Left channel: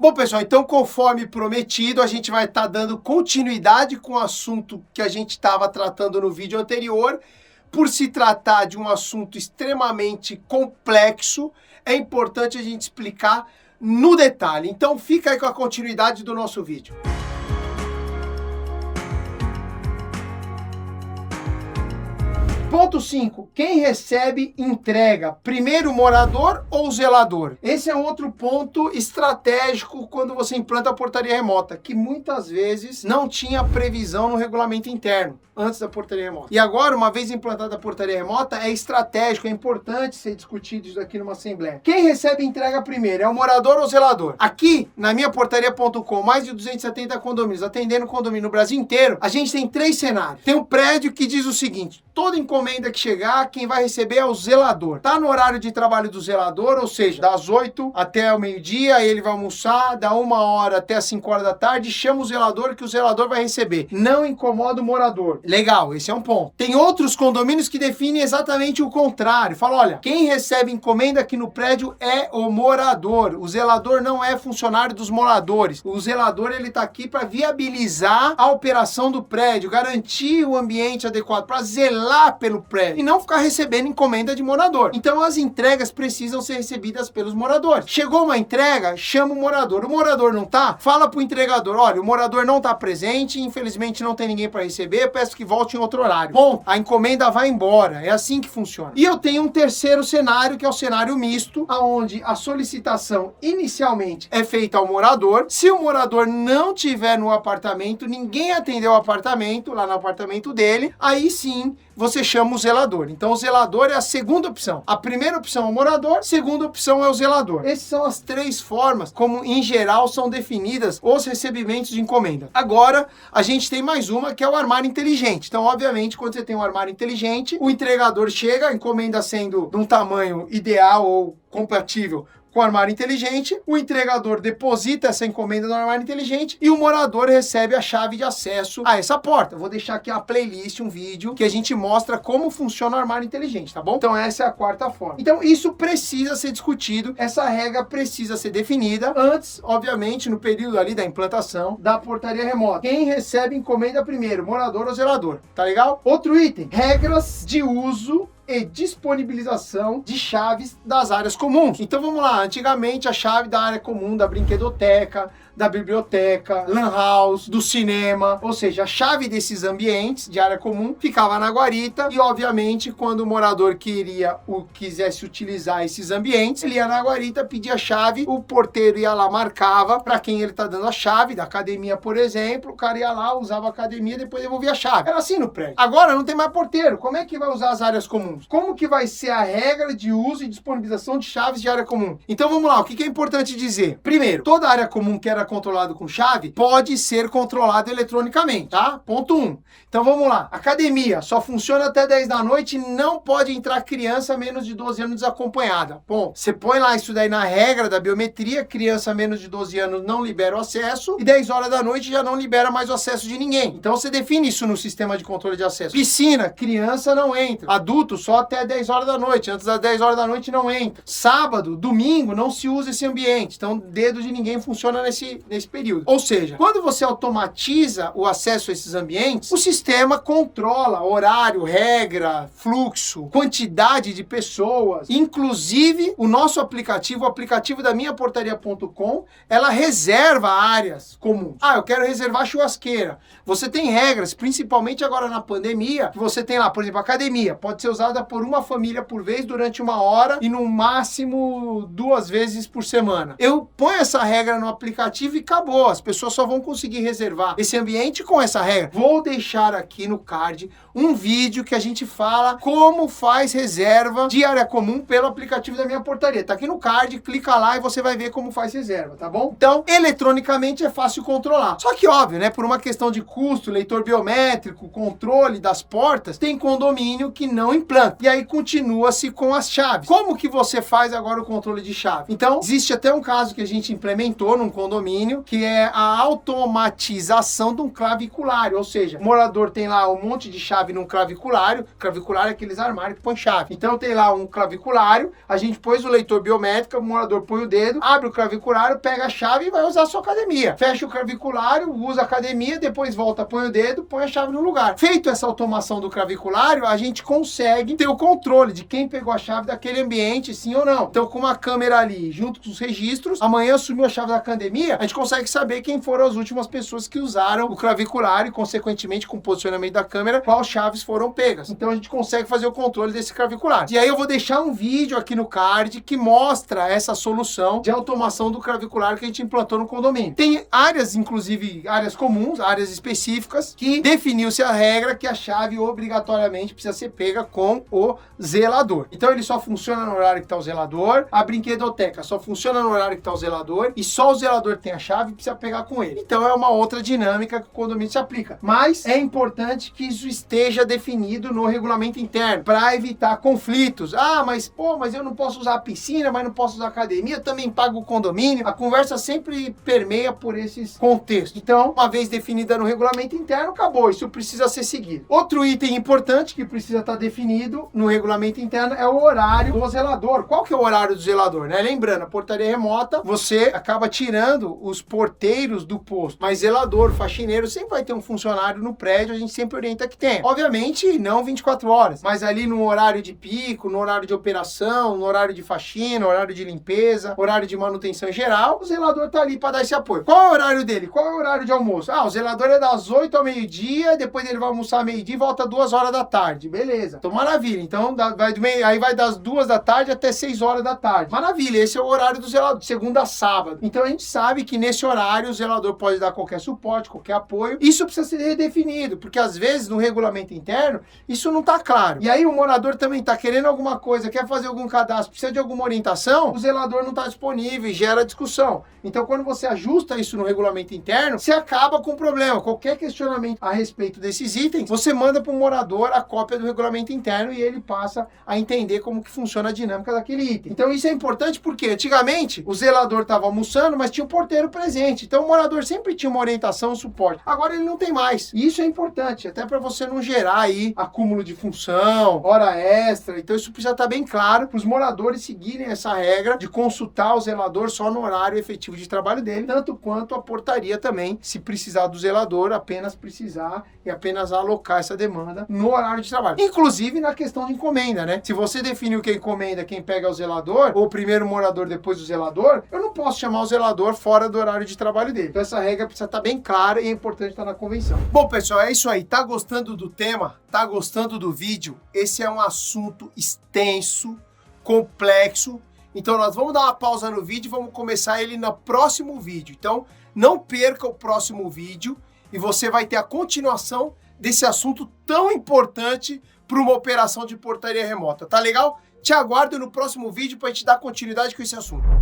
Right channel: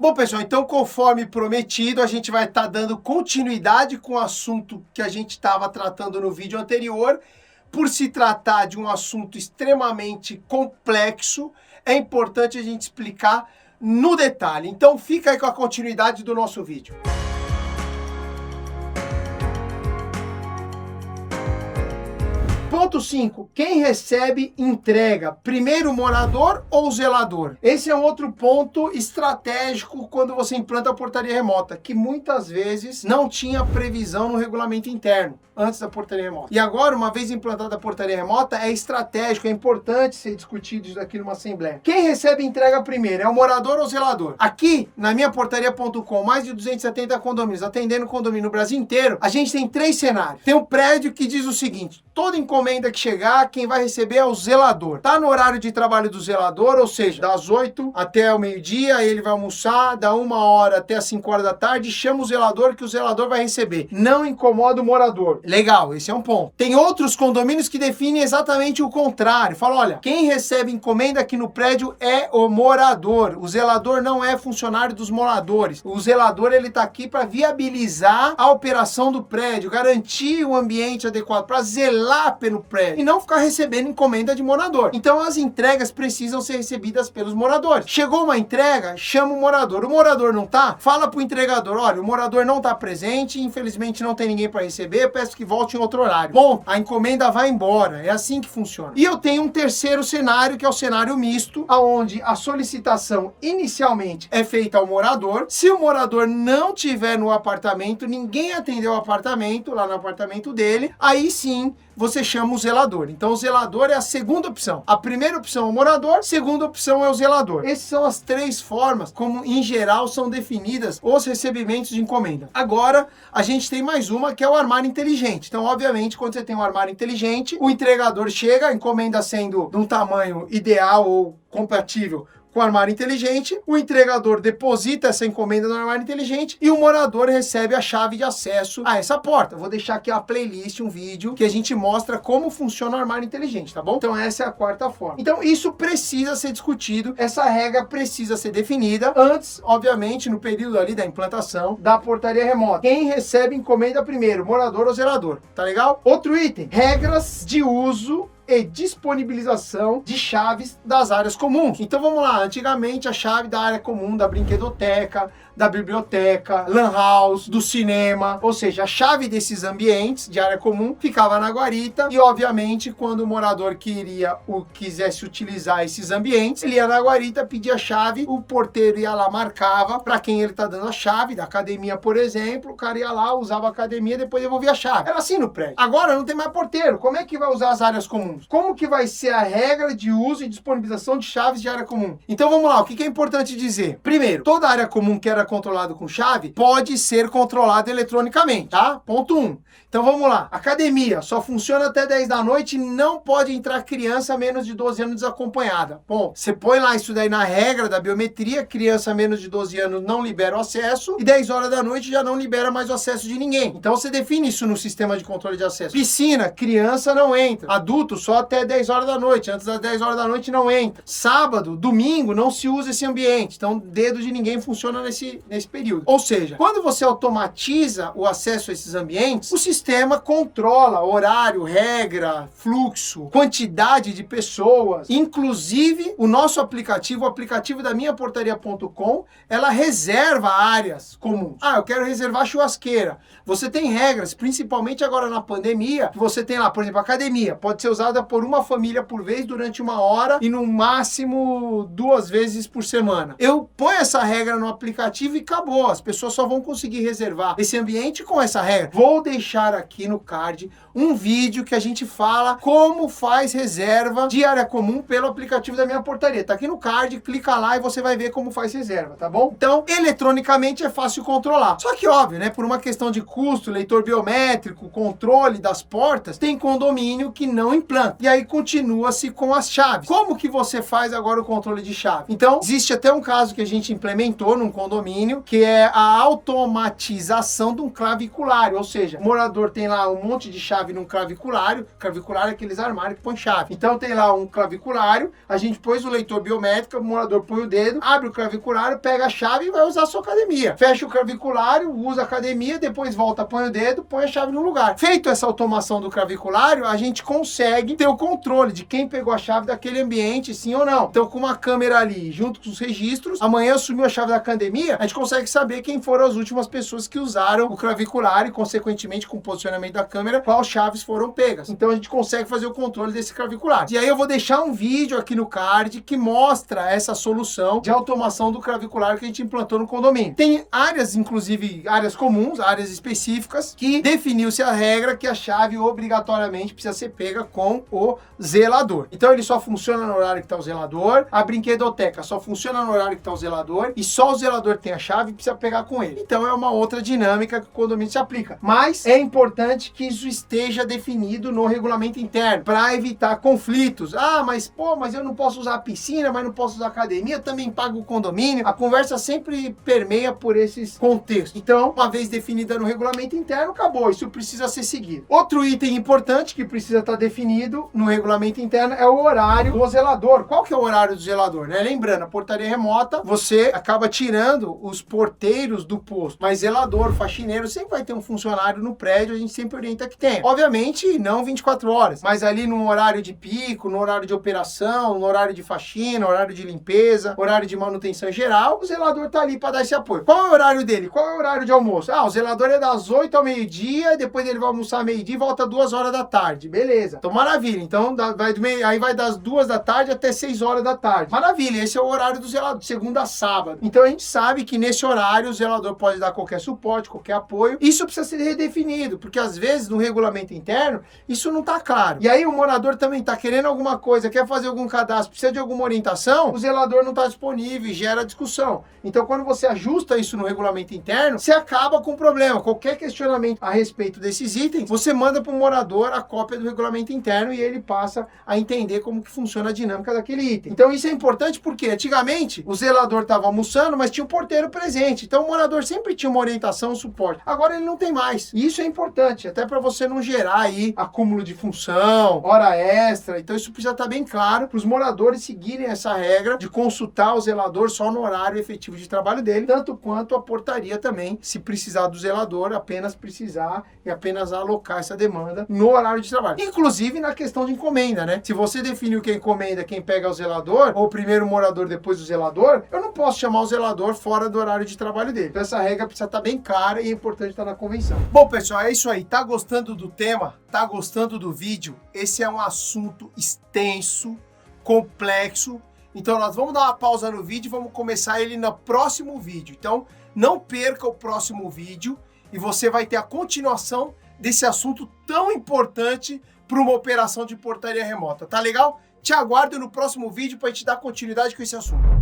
Bom, pessoal, então conforme prometido, a gente vai estar dando continuidade com o assunto que a gente estava tratando no vídeo anterior. Por se tratar de um assunto extremamente complexo, é importante a gente explicar no detalhe. Então fica aí com a continuidade do nosso vídeo. Ponto 5. Quem recebe, entrega. Primeiro, o morador ou o zelador? Esse é um outro ponto estratégico quando você implanta a portaria remota, que muitas vezes não tinha previsão no regulamento interno, antes da portaria remota. E agora, uma vez implantada a portaria remota, é estratégico, é importante ser discutido isso aqui numa assembleia. Quem recebe e entrega primeiro? É o morador ou o zelador? Aqui, na minha portaria.com, mais de 270 condomínios, atendendo condomínio no Brasil inteiro, a gente tem 3 cenários. Tem um prédio que diz o seguinte: toda encomenda que chegar, quem vai receber é o zelador. Tá no horário de trabalho do zelador, ou seja, das 8 até o meio-dia, ele vai almoçar, da 1 hora até as 5 horas da tarde, chama o zelador que o zelador vai receber. Não incomoda o morador. Legal, esse é um ponto. Tem outros condomínios que definem exatamente o contrário. Fala, olha, quem recebe encomenda aqui no prédio é o morador. O zelador não é funcionário dos moradores. O zelador, ele tá aqui para viabilizar a operação do prédio, garantir o ambiente adequado, para zelar pelo prédio e não ficar recebendo encomenda de morador. Então as entregas precisam ser recebidas pelos moradores. Chegou uma entrega, chama o morador. O morador não tá? Fala pro entregador, olha, o morador não tá presente, infelizmente não tem ninguém para receber, peço que volte em outro horário. Bom, a encomenda vai embora. É assim que funciona. E eu tenho um terceiro cenário, que é o cenário misto, onde a solicitação inicialmente é feita ao morador. Se o morador não tiver no apartamento, ninguém atendeu o apartamento, lá no apartamento dele, aí sim você chama o zelador. Então o zelador é a segunda opção. A primeira opção é o morador, a segunda opção é o zelador. Essas são as 3 formas como, em geral, são definidas os recebimentos de encomenda. Agora, a gente tem mais uma, que é o armário inteligente. Então, obviamente, quando você tem um armário inteligente, o entregador chega, a encomenda sendo de um tamanho ideal ou compatível com o armário inteligente, o entregador deposita essa encomenda no armário inteligente e o morador recebe a chave de acesso a essa porta. Vou deixar aqui uma playlist, um vídeo, que a gente mostra como funciona o armário inteligente, tá bom? Então essa é a quarta forma. Então isso precisa ser discutido, essa regra precisa ser definida antes, obviamente, no período ali da implantação da portaria remota. Quem recebe encomenda primeiro, morador ou zelador, tá legal? Outro item, regras de uso e disponibilização de chaves das áreas comuns. Então vamos lá, antigamente a chave da área comum da brinquedoteca, da biblioteca, lan house, do cinema, ou seja, a chave desses ambientes de área comum ficava na guarita e, obviamente, quando o morador quisesse utilizar esses ambientes, ele ia na guarita, pedia a chave, o porteiro ia lá, marcava para quem ele tá dando a chave, da academia, por exemplo, o cara ia lá, usava a academia, depois devolvia a chave. Era assim no prédio. Agora não tem mais porteiro, como é que vai usar as áreas comuns? Como que vai ser a regra de uso e disponibilização de chaves de área comum? Então vamos lá, o que é importante dizer? Primeiro, toda área comum que era controlado com chave pode ser controlado eletronicamente, tá? Ponto 1. Então vamos lá, academia só funciona até 10 da noite, não pode entrar criança menos de 12 anos desacompanhada. Bom, você põe lá isso daí na regra da biometria, criança menos de 12 anos não libera o acesso e 10 horas da noite já não libera mais o acesso de ninguém. Então você define isso no sistema de controle de acesso. Piscina, criança não entra. Adulto só até 10 horas da noite, antes das 10 horas da noite não entra. Sábado, domingo, não se usa esse ambiente, então dedo de ninguém funciona nesse período. Ou seja, quando você automatiza o acesso a esses ambientes, o sistema controla horário, regra, fluxo, quantidade de pessoas. Inclusive, o nosso aplicativo, o aplicativo da minhaportaria.com, ela reserva áreas comuns. Ah, eu quero reservar churrasqueira. Você tem regras, principalmente agora na pandemia, que você tem lá, por exemplo, academia, pode ser usada por uma família por vez durante 1 hora e no máximo 2 vezes por semana. Eu ponho essa regra no aplicativo e acabou. As pessoas só vão conseguir reservar esse ambiente com essa regra. Vou deixar aqui no card um vídeo que a gente fala como faz reserva de área comum pelo aplicativo da Minha Portaria. Tá aqui no card, clica lá e você vai ver como faz reserva, tá bom? Então, eletronicamente é fácil controlar. Só que, óbvio, né, por uma questão de custo, leitor biométrico, controle das portas, tem condomínio que não implanta. planta. E aí continua-se com as chaves. Como que você faz agora o controle de chave? Então, existe até um caso que a gente implementou num condomínio, que é a automatização de um claviculário, ou seja, o morador tem lá um monte de chave num claviculário é aqueles armários que põe chave. Então tem lá um claviculário, a gente pôs o leitor biométrico, o morador põe o dedo, abre o claviculário, pega a chave e vai usar a sua academia. Fecha o claviculário, usa a academia, depois volta, põe o dedo, põe a chave no lugar. Feito essa automação do claviculário, a gente consegue ter o controle de quem pegou a chave daquele ambiente, sim ou não. Então com uma câmera ali, junto com os registros, amanhã assumiu a chave da academia, a gente consegue saber quem foram as últimas pessoas que usaram o claviculário e, consequentemente, com o posicionamento da câmera, quais chaves foram pegas. Então a gente consegue fazer o controle desse claviculário. E aí eu vou deixar um vídeo aqui no card que mostra essa solução de automação do claviculário que a gente implantou no condomínio. Tem áreas, inclusive áreas comuns, áreas específicas, que definiu-se a regra que a chave obrigatoriamente precisa ser pega com o zelador. Então ele só funciona no horário que está o zelador, a brinquedoteca só funciona no horário que está o zelador e só o zelador tem a chave e precisa pegar com ele. Então é uma outra dinâmica que o condomínio se aplica. Mas é importante que isso esteja definido no regulamento interno para evitar conflitos. Ah, mas eu não posso usar a piscina, mas não posso usar a academia, também pago o condomínio. A conversa sempre permeia por esses contextos. Então, uma vez definida no regulamento interno, acabou. Isso precisa ser seguido. Outro item importante que precisa estar definido no regulamento interno é o horário do zelador. Qual que é o horário do zelador, né? Lembrando, a portaria remota, você acaba tirando os porteiros do posto, mas zelador, faxineiro, sempre vai ter um funcionário no prédio, a gente sempre orienta que tenha. Obviamente, não 24 horas, mas ali no horário de pico, no horário de operação, no horário de faxina, horário de limpeza, horário de manutenção geral, o zelador tá ali para dar esse apoio. Qual é o horário dele? Qual é o horário de almoço? Ah, o zelador é das 8 ao meio-dia, depois ele vai almoçar meio-dia e volta 2 horas da tarde. Beleza. Então, maravilha. Então, aí vai das 2 da tarde até 6 horas da tarde. Maravilha. Esse é o horário do zelador, de segunda a sábado. Então, a gente sabe que nesse horário o zelador pode dar qualquer suporte, qualquer apoio. Isso precisa ser redefinido, porque às vezes no regulamento interno isso não está claro. E aí o morador também está querendo alguma coisa, quer fazer algum cadastro, precisa de alguma orientação, o zelador não está disponível e gera discussão. Então quando você ajusta isso no regulamento interno, você acaba com o problema. Qualquer questionamento a respeito desses itens, você manda para o morador a cópia do regulamento interno e ele passa a entender como que funciona a dinâmica daquele item. Então isso é importante porque antigamente o zelador estava almoçando, mas tinha o porteiro presente. Então o morador sempre tinha uma orientação, um suporte. Agora ele não tem mais. E isso é importante, até para você não gerar aí acúmulo de função, hora extra. Então isso precisa estar bem claro para os moradores seguirem essa regra de consultar o zelador só no horário efetivo de trabalho dele, tanto quanto a portaria também, se precisar do zelador, apenas precisar e apenas alocar essa demanda no horário de trabalho. Inclusive na questão de encomenda, né? Se você definiu que a encomenda, quem pega é o zelador, ou primeiro o morador, depois o zelador, eu não posso chamar o zelador fora do horário de trabalho dele. Então essa regra precisa estar bem clara e é importante estar na convenção. Bom, pessoal, é isso aí. Tá gostando do tema? Tá gostando do vídeo? Esse é um assunto extenso, complexo. Então nós vamos dar uma pausa no vídeo e vamos começar ele no próximo vídeo. Então não perca o próximo vídeo e você vai ter a continuação desse assunto tão importante para uma operação de portaria remota. Tá legal? Te aguardo no próximo vídeo para a gente dar continuidade com esse assunto.